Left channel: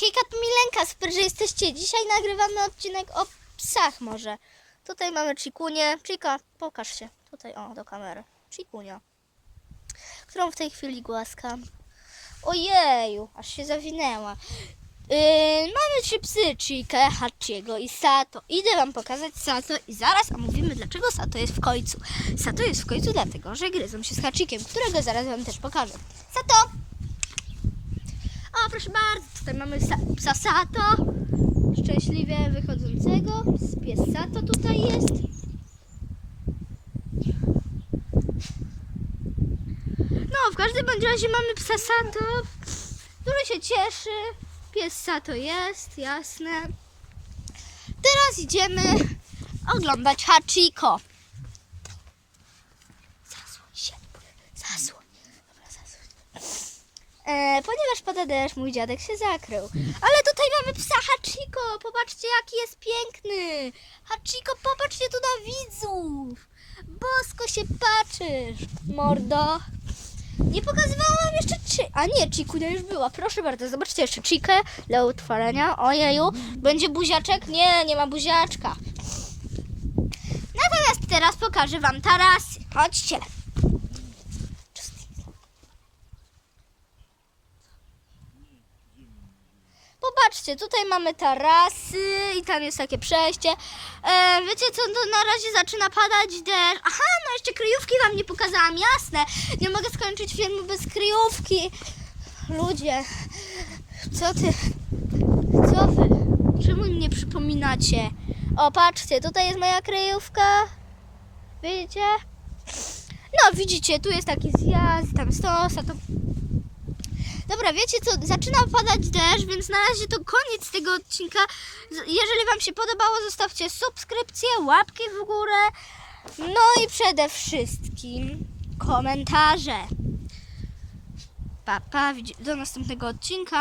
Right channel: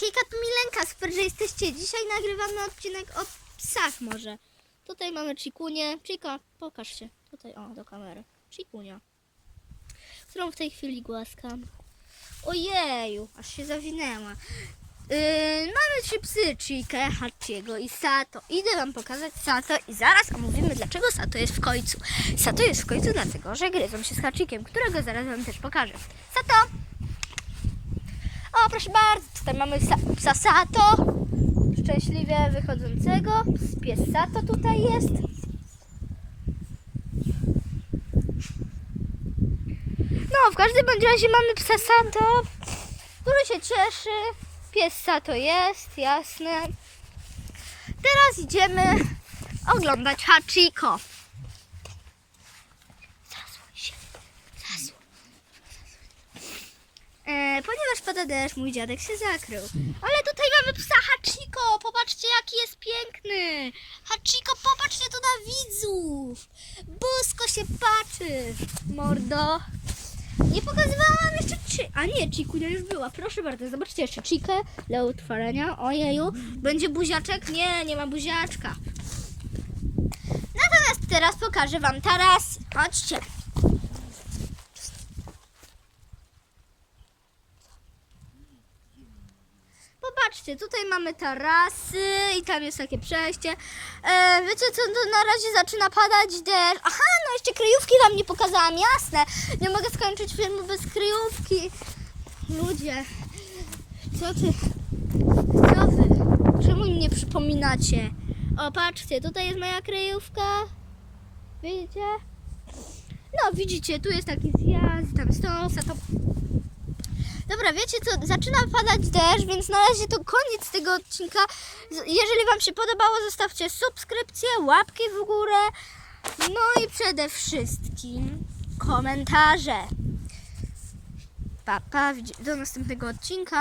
Hejka, to Milenka, super, że jesteście. Dzisiaj nagrywamy odcinek o psach może. Tutaj mamy Chikunię. Chika, pokaż się. Tutaj, o, do kamery. Chikunia. Którą w tej chwili głaskam. Ojeju, aż się zawinęła. Yy, mamy trzy psy, Chikę, Hachiego i Sato. Idę wam pokazać Sato i zaraz omówimy, dlaczego Sato jest w końcu. Sato jest w końcu dlatego, że gryzą się z Hachikiem, którego zaraz wam też pokażę. Sato! Proszę bardzo, tutaj mamy psa Sato, szczęśliwie wychodzącego. Pies Sato tutaj jest. No, w każdym bądź razie mamy psa Sato, który się cieszy. Pies Sato jest, jasne. Teraz idziemy oglądać Hachiko. Zasłoń się, zasłoń. E, ponieważ pada deszcz, mój dziadek się zakrył. Ale tutaj mamy psa Hachiko. Popatrzcie, jaki jest piękny. Hachiko, popatrzcie tu na widzów. Bosko się patrzysz, mordo. Nie pokazywałam jeszcze ci. A nie, Chikunia już była. Proszę bardzo, zobaczcie jeszcze Chikę dla utworzenia. Ojeju, będzie buziaczek? Nie, nie ma buziaczka. Natomiast teraz pokażę wam tarasy. Chodźcie. Popatrzcie, tutaj mamy tarasy i tam jest takie przejście. E, wiecie co, to na razie zaczyna padać deszcz. Aha, no jeszcze kryjówki wam nie pokazałam, jasne. Nie mogę skończyć filmu bez kryjówki. Ludzie, co ty, co wy, czemu mi nie przypominacie? O, patrzcie, tutaj jest moja kryjówka. Widzicie? No, widzicie, tu jest taki zjazd, tam stos, a to Dobra, wiecie co, zaczyna padać deszcz, więc na razie to koniec tego odcinka. Jeżeli Wam się podobało, zostawcie subskrypcję, łapki w górę, no i przede wszystkim komentarze. Pa, pa, do następnego odcinka.